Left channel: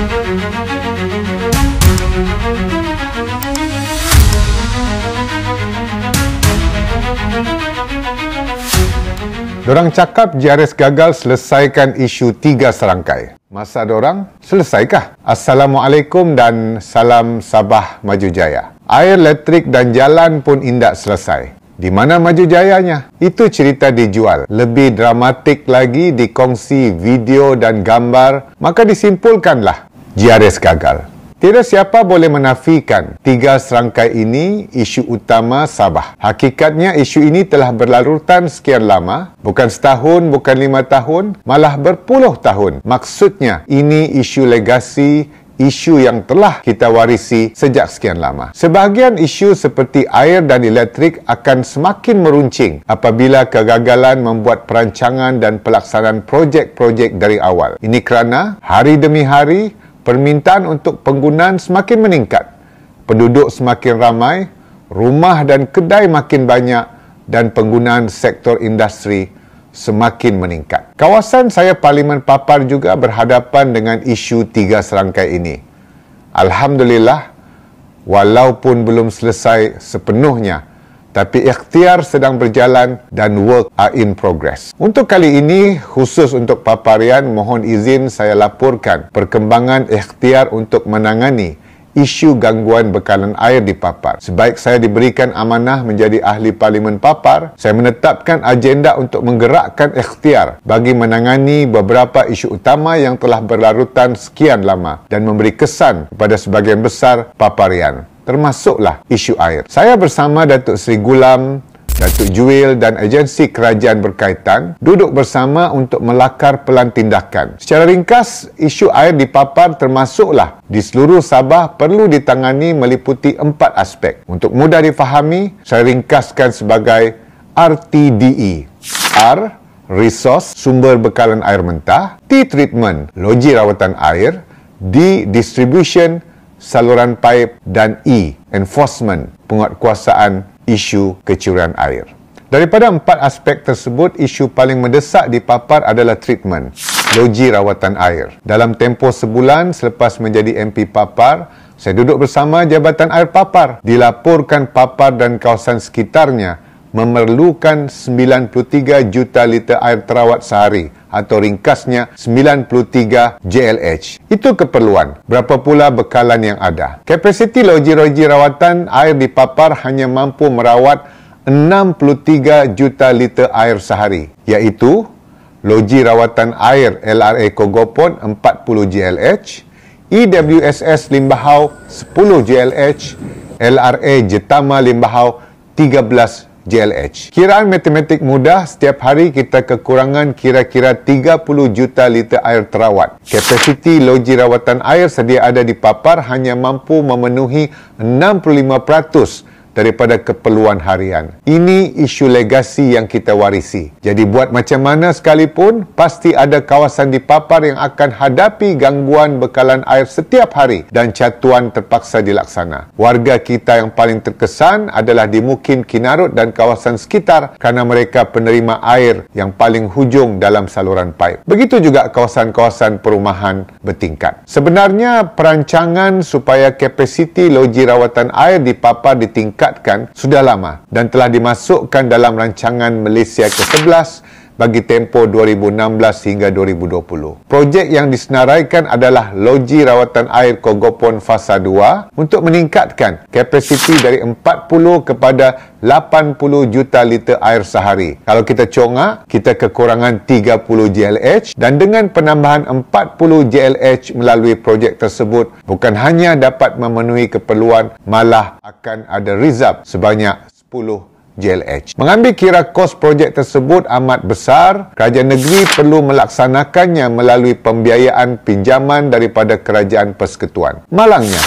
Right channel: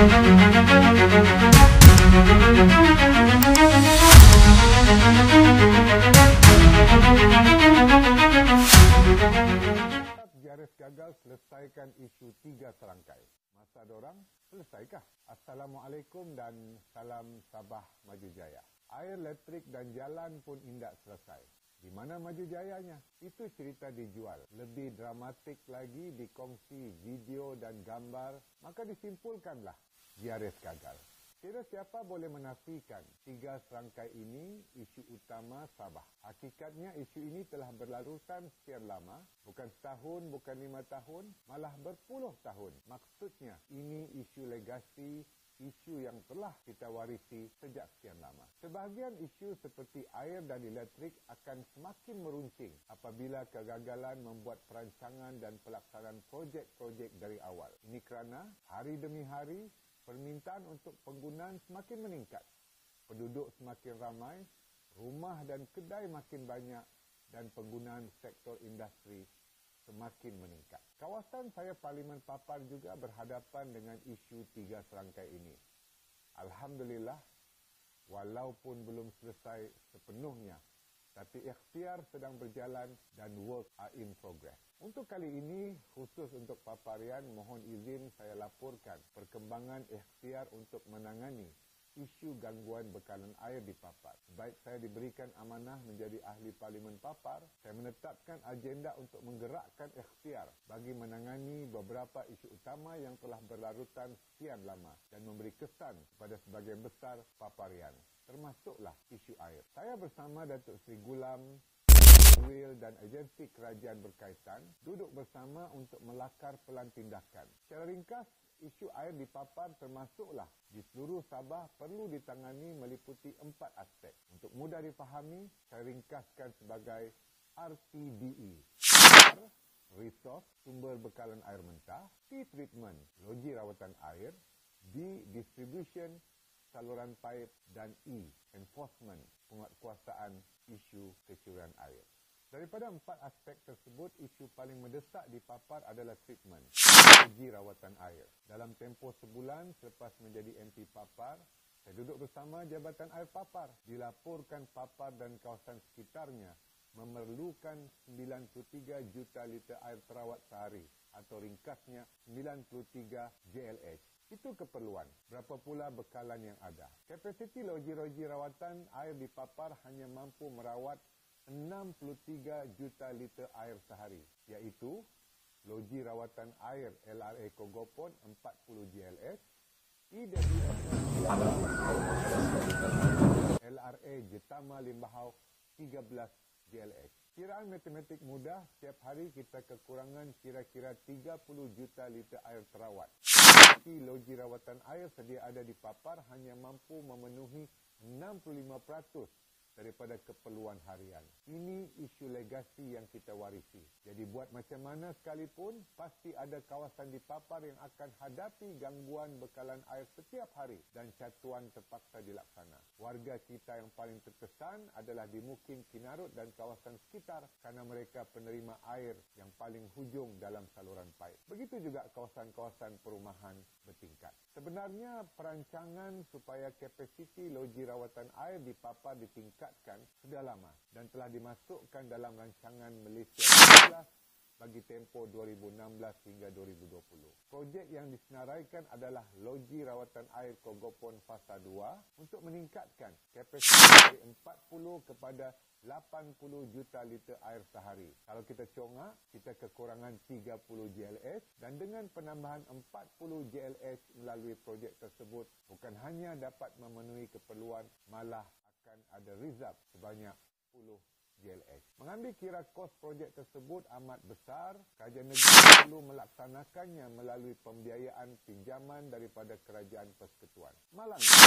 Dorang cakap JRS gagal selesaikan isu 3 serangkai. Masa dorang, selesaikah? Assalamualaikum dan salam Sabah Maju Jaya. Air, elektrik dan jalan pun indak selesai. Di mana maju jayanya? Itu cerita dijual. Lebih dramatik lagi dikongsi video dan gambar, maka disimpulkanlah JRS gagal. Tidak siapa boleh menafikan 3 serangkai ini isu utama Sabah. Hakikatnya isu ini telah berlarutan sekian lama, bukan setahun, bukan 5 tahun, malah berpuluh tahun. Maksudnya ini isu legasi, isu yang telah kita warisi sejak sekian lama. Sebahagian isu seperti air dan elektrik akan semakin meruncing apabila kegagalan membuat perancangan dan pelaksanaan projek-projek dari awal. Ini kerana hari demi hari permintaan untuk penggunaan semakin meningkat, penduduk semakin ramai, rumah dan kedai makin banyak dan penggunaan sektor industri semakin meningkat. Kawasan saya Parlimen Papar juga berhadapan dengan isu 3 serangkai ini. Alhamdulillah, walaupun belum selesai sepenuhnya, tapi ikhtiar sedang berjalan dan work are in progress. Untuk kali ini, khusus untuk Paparian, mohon izin saya laporkan perkembangan ikhtiar untuk menangani isu gangguan bekalan air di Papar. Sebaik saya diberikan amanah menjadi ahli Parlimen Papar, saya menetapkan agenda untuk menggerakkan ikhtiar bagi menangani beberapa isu utama yang telah berlarutan sekian lama dan memberi kesan kepada sebagian besar Paparian, termasuklah isu air. Saya bersama Datuk Seri Gulam, Datuk Juil dan agensi kerajaan berkaitan duduk bersama untuk melakar pelan tindakan. Secara ringkas, isu air di Papar termasuklah di seluruh Sabah perlu ditangani meliputi 4 aspek. Untuk mudah difahami, saya ringkaskan sebagai RTDE. R, resource, sumber bekalan air mentah. T, treatment, loji rawatan air. D, distribution, saluran paip. Dan E, enforcement, penguatkuasaan isu kecurian air. Daripada 4 aspek tersebut, isu paling mendesak di Papar adalah treatment, loji rawatan air. Dalam tempoh sebulan selepas menjadi MP Papar, saya duduk bersama Jabatan Air Papar. Dilaporkan Papar dan kawasan sekitarnya memerlukan 93 juta liter air terawat sehari, atau ringkasnya 93 JLH. Itu keperluan. Berapa pula bekalan yang ada? Kapasiti loji-loji rawatan air di Papar hanya mampu merawat 63 juta liter air sehari, iaitu loji rawatan air LRA Kogopon 40 JLH, EWSS Limbahau 10 JLH, LRA Jetama Limbahau 13 JLH. Kiraan matematik mudah, setiap hari kita kekurangan kira-kira 30 juta liter air terawat. Kapasiti loji rawatan air sedia ada di Papar hanya mampu memenuhi 65% daripada keperluan harian. Ini isu legasi yang kita warisi. Jadi buat macam mana sekalipun, pasti ada kawasan di Papar yang akan hadapi gangguan bekalan air setiap hari dan catuan terpaksa dilaksana. Warga kita yang paling terkesan adalah di Mukim, Kinarut dan kawasan sekitar kerana mereka penerima air yang paling hujung dalam saluran paip. Begitu juga kawasan-kawasan perumahan bertingkat. Sebenarnya perancangan supaya kapasiti loji rawatan air di Papar ditingkatkan sudah lama dan telah dimasukkan dalam rancangan Malaysia ke-11 bagi tempoh 2016 hingga 2020. Projek yang disenaraikan adalah loji rawatan air Kogopon Fasa 2 untuk meningkatkan kapasiti dari 40 kepada 80 juta liter air sehari. Kalau kita congak, kita kekurangan 30 JLH dan dengan penambahan 40 JLH melalui projek tersebut, bukan hanya dapat memenuhi keperluan, malah akan ada reserve sebanyak 10 JLH. Mengambil kira kos projek tersebut amat besar, kerajaan negeri perlu melaksanakannya melalui pembiayaan pinjaman daripada Kerajaan Persekutuan. Malangnya,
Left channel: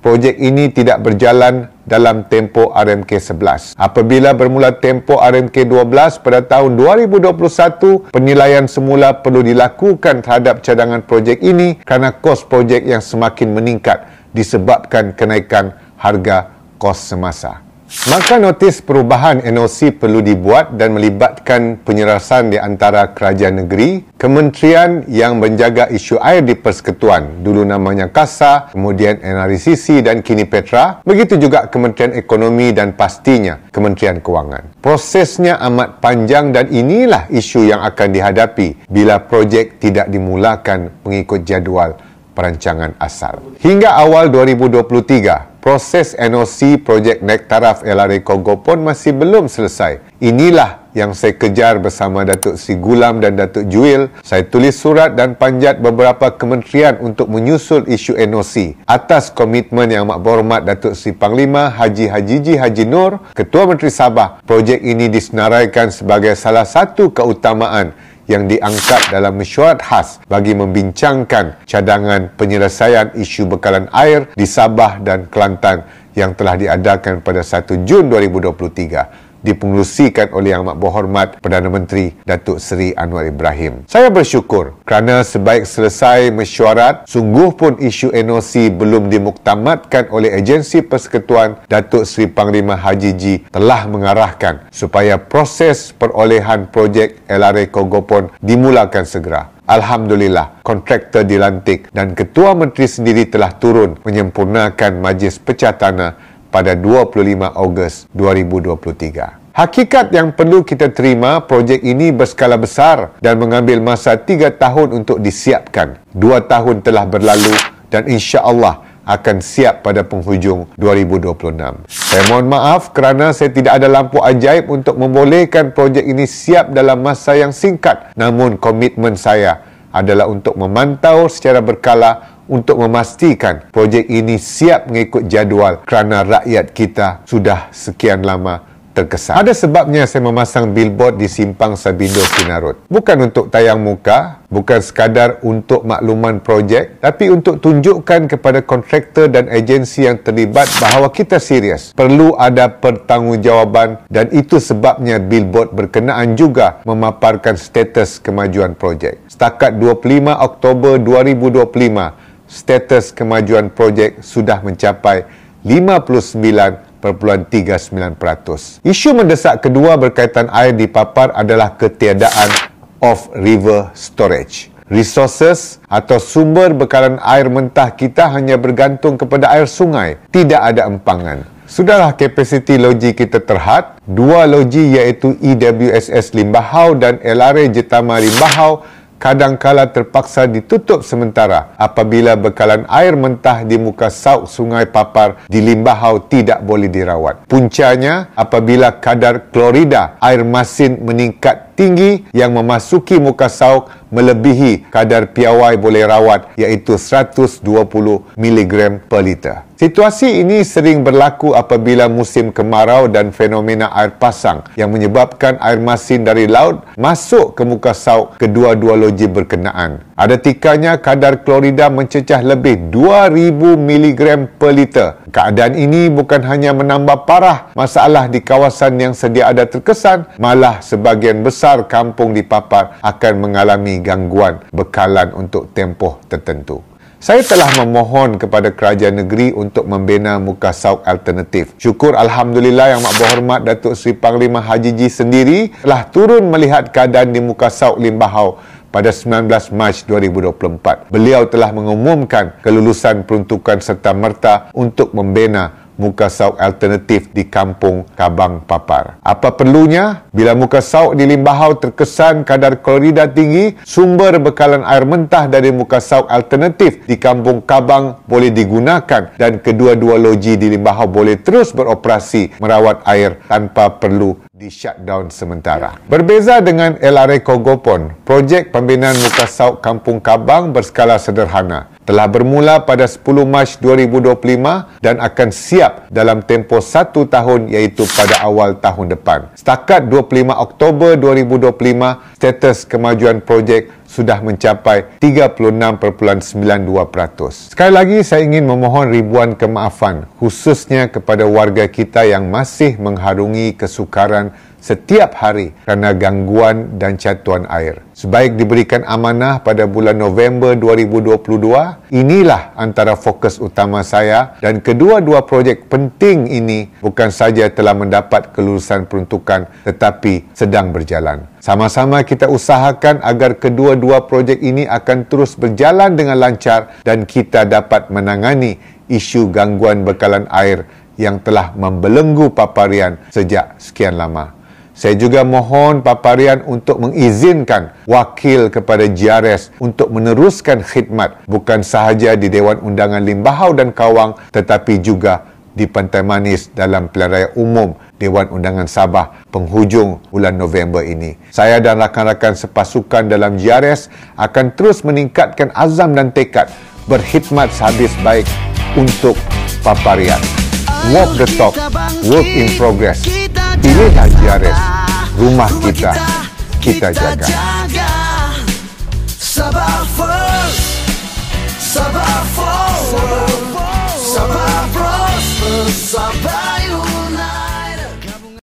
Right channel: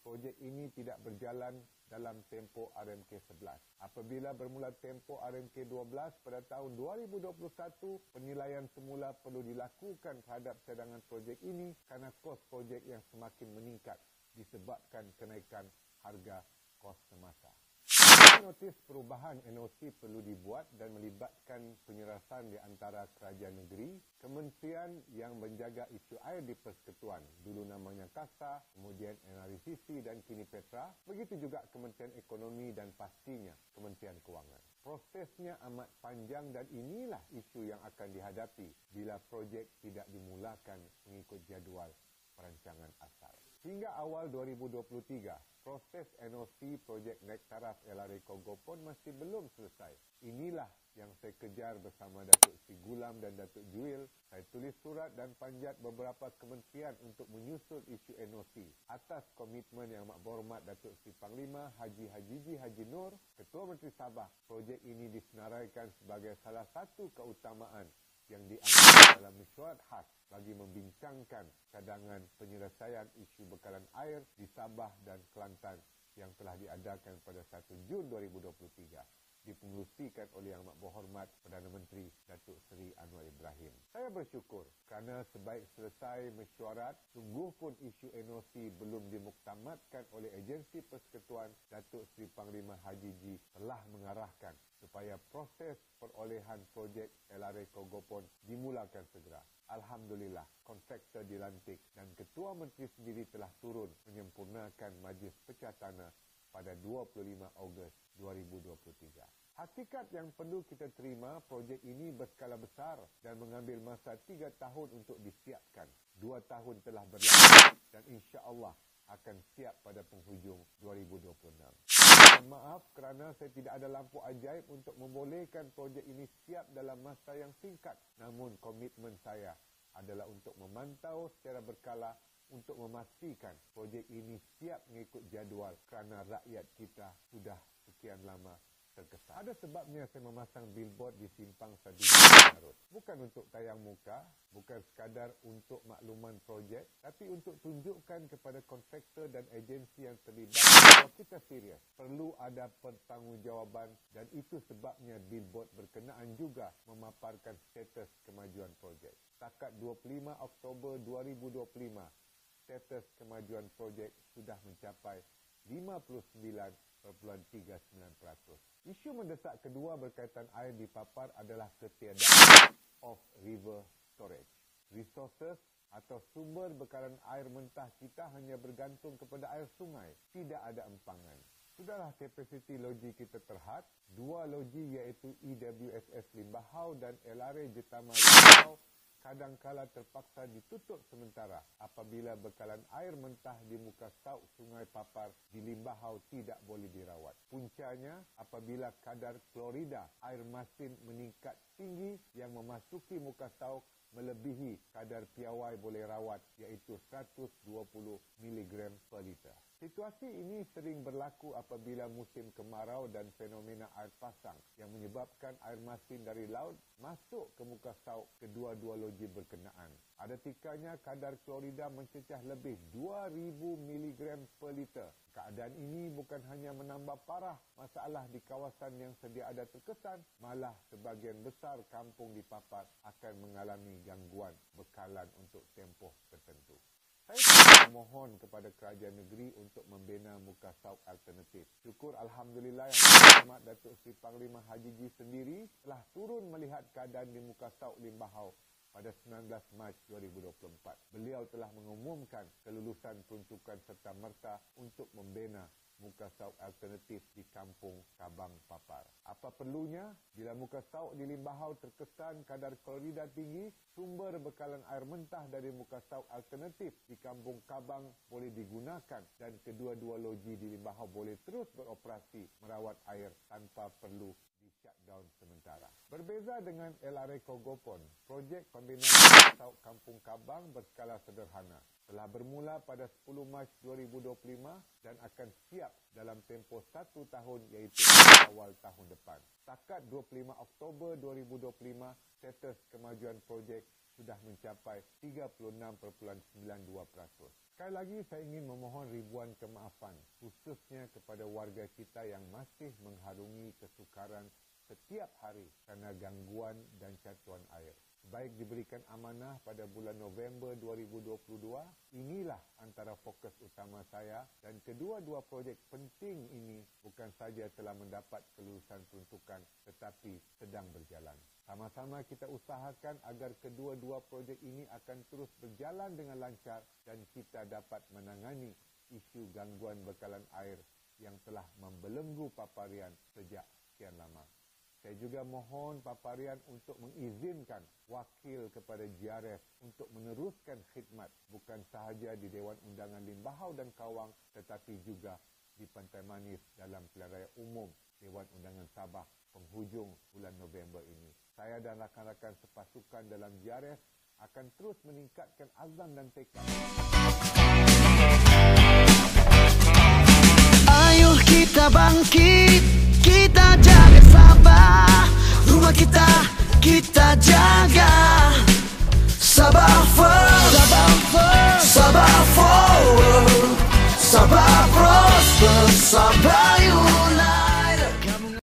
projek ini tidak berjalan dalam tempoh RMK 11. Apabila bermula tempoh RMK 12 pada tahun 2021, penilaian semula perlu dilakukan terhadap cadangan projek ini kerana kos projek yang semakin meningkat disebabkan kenaikan harga kos semasa. Maka notis perubahan NOC perlu dibuat dan melibatkan penyerasan di antara kerajaan negeri, kementerian yang menjaga isu air di Persekutuan, dulu namanya KASA, kemudian NRCC dan kini Petra, begitu juga Kementerian Ekonomi dan pastinya Kementerian Kewangan. Prosesnya amat panjang dan inilah isu yang akan dihadapi bila projek tidak dimulakan mengikut jadual perancangan asal. Hingga awal 2023, proses NOC projek naik taraf LRA Kogopon masih belum selesai. Inilah yang saya kejar bersama Datuk Seri Gulam dan Datuk Juil. Saya tulis surat dan panjat beberapa kementerian untuk menyusul isu NOC. Atas komitmen yang amat berhormat Datuk Seri Panglima Haji Hajiji Haji Nur, Ketua Menteri Sabah, projek ini disenaraikan sebagai salah satu keutamaan yang diangkat dalam mesyuarat khas bagi membincangkan cadangan penyelesaian isu bekalan air di Sabah dan Kelantan yang telah diadakan pada 1 Jun 2023. Dipengerusikan oleh Yang Amat Berhormat Perdana Menteri Datuk Seri Anwar Ibrahim. Saya bersyukur kerana sebaik selesai mesyuarat, sungguh pun isu NOC belum dimuktamadkan oleh agensi persekutuan. Datuk Seri Panglima Haji Ji telah mengarahkan supaya proses perolehan projek LRA Kogopon dimulakan segera. Alhamdulillah, kontraktor dilantik dan Ketua Menteri sendiri telah turun menyempurnakan Majlis Pecah Tanah pada 25 Ogos 2023. Hakikat yang perlu kita terima, projek ini berskala besar dan mengambil masa 3 tahun untuk disiapkan. 2 tahun telah berlalu dan insya-Allah akan siap pada penghujung 2026. Saya mohon maaf kerana saya tidak ada lampu ajaib untuk membolehkan projek ini siap dalam masa yang singkat. Namun komitmen saya adalah untuk memantau secara berkala untuk memastikan projek ini siap mengikut jadual kerana rakyat kita sudah sekian lama terkesan. Ada sebabnya saya memasang billboard di Simpang Sabindo Sinarut. Bukan untuk tayang muka, bukan sekadar untuk makluman projek, tapi untuk tunjukkan kepada kontraktor dan agensi yang terlibat bahawa kita serius. Perlu ada pertanggungjawaban dan itu sebabnya billboard berkenaan juga memaparkan status kemajuan projek. Setakat 25 Oktober 2025, status kemajuan projek sudah mencapai 59.39%. Isu mendesak kedua berkaitan air di Papar adalah ketiadaan off-river storage. Resources atau sumber bekalan air mentah kita hanya bergantung kepada air sungai. Tidak ada empangan. Sudahlah kapasiti loji kita terhad. 2 loji iaitu EWSS Limbahau dan LRA Jetama Limbahau kadangkala terpaksa ditutup sementara apabila bekalan air mentah di muka sauk Sungai Papar di Limbahau tidak boleh dirawat. Puncanya apabila kadar klorida air masin meningkat tinggi yang memasuki muka sauk melebihi kadar piawai boleh rawat iaitu 120 mg per liter. Situasi ini sering berlaku apabila musim kemarau dan fenomena air pasang yang menyebabkan air masin dari laut masuk ke muka sauk kedua-dua loji berkenaan. Ada tikanya kadar klorida mencecah lebih 2000 mg per liter. Keadaan ini bukan hanya menambah parah masalah di kawasan yang sedia ada terkesan, malah sebahagian besar kampung di Papar akan mengalami gangguan bekalan untuk tempoh tertentu. Saya telah memohon kepada kerajaan negeri untuk membina muka sauk alternatif. Syukur Alhamdulillah Yang Amat Berhormat Datuk Seri Panglima Haji Ji sendiri telah turun melihat keadaan di muka sauk Limbahau pada 19 Mac 2024. Beliau telah mengumumkan kelulusan peruntukan serta-merta untuk membina muka sauk alternatif di Kampung Kabang Papar. Apa perlunya? Bila muka sauk di Limbahau terkesan kadar klorida tinggi, sumber bekalan air mentah dari muka sauk alternatif di Kampung Kabang boleh digunakan dan kedua-dua loji di Limbahau boleh terus beroperasi merawat air tanpa perlu di-shutdown sementara. Berbeza dengan LRA Kogopon, projek pembinaan muka sauk Kampung Kabang berskala sederhana. Telah bermula pada 10 Mac 2025 dan akan siap dalam tempoh 1 tahun iaitu pada awal tahun depan. Setakat 25 Oktober 2025, status kemajuan projek sudah mencapai 36.92%. Sekali lagi saya ingin memohon ribuan kemaafan khususnya kepada warga kita yang masih mengharungi kesukaran setiap hari kerana gangguan dan catuan air. Sebaik diberikan amanah pada bulan November 2022, inilah antara fokus utama saya, dan kedua-dua projek penting ini bukan saja telah mendapat kelulusan peruntukan tetapi sedang berjalan. Sama-sama kita usahakan agar kedua-dua projek ini akan terus berjalan dengan lancar dan kita dapat menangani isu gangguan bekalan air yang telah membelenggu Paparian sejak sekian lama. Saya juga mohon Paparian untuk mengizinkan wakil kepada GRS untuk meneruskan khidmat bukan sahaja di Dewan Undangan Limbahau dan Kawang tetapi juga di Pantai Manis dalam Pilihan Raya Umum Dewan Undangan Sabah penghujung bulan November ini. Saya dan rakan-rakan sepasukan dalam GRS akan terus meningkatkan azam dan tekad berkhidmat sehabis baik untuk Paparian. Walk the talk, work in progress. Pilihlah GRS, rumah kita jaga.